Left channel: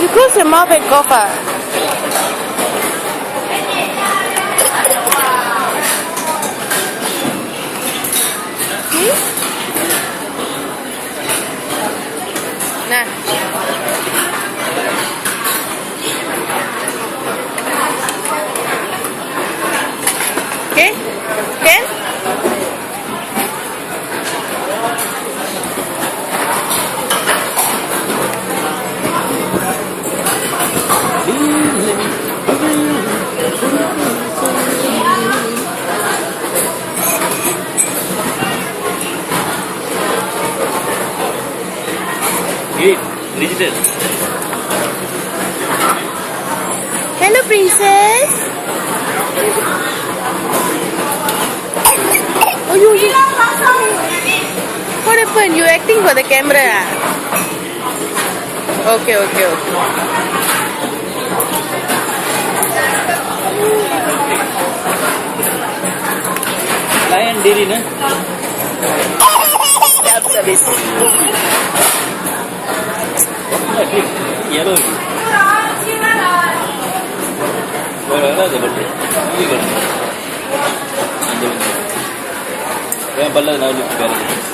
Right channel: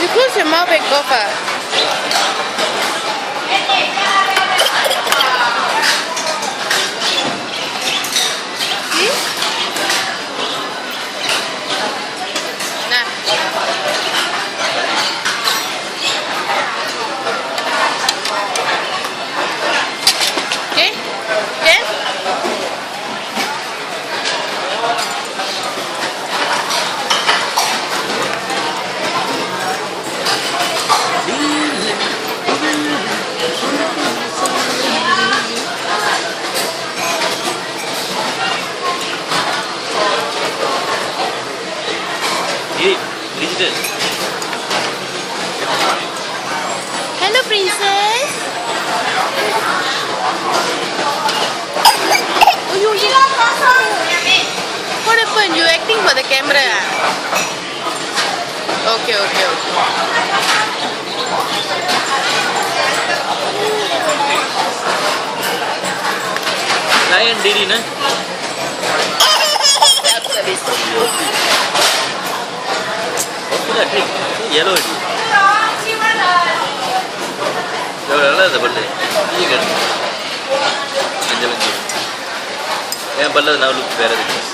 You close your mouth and cough up. Nah. Okay? Okay? Hey, Bridget. Hello, princess. Oh, you. What happened? You acting for the camera? Okay, okay, okay. Lion diri na. Service. Yeah, ठीक. Yellow है. जो रहना था बल्ले. ये कर. अंजम. ये बल्ला ना लुक पहले.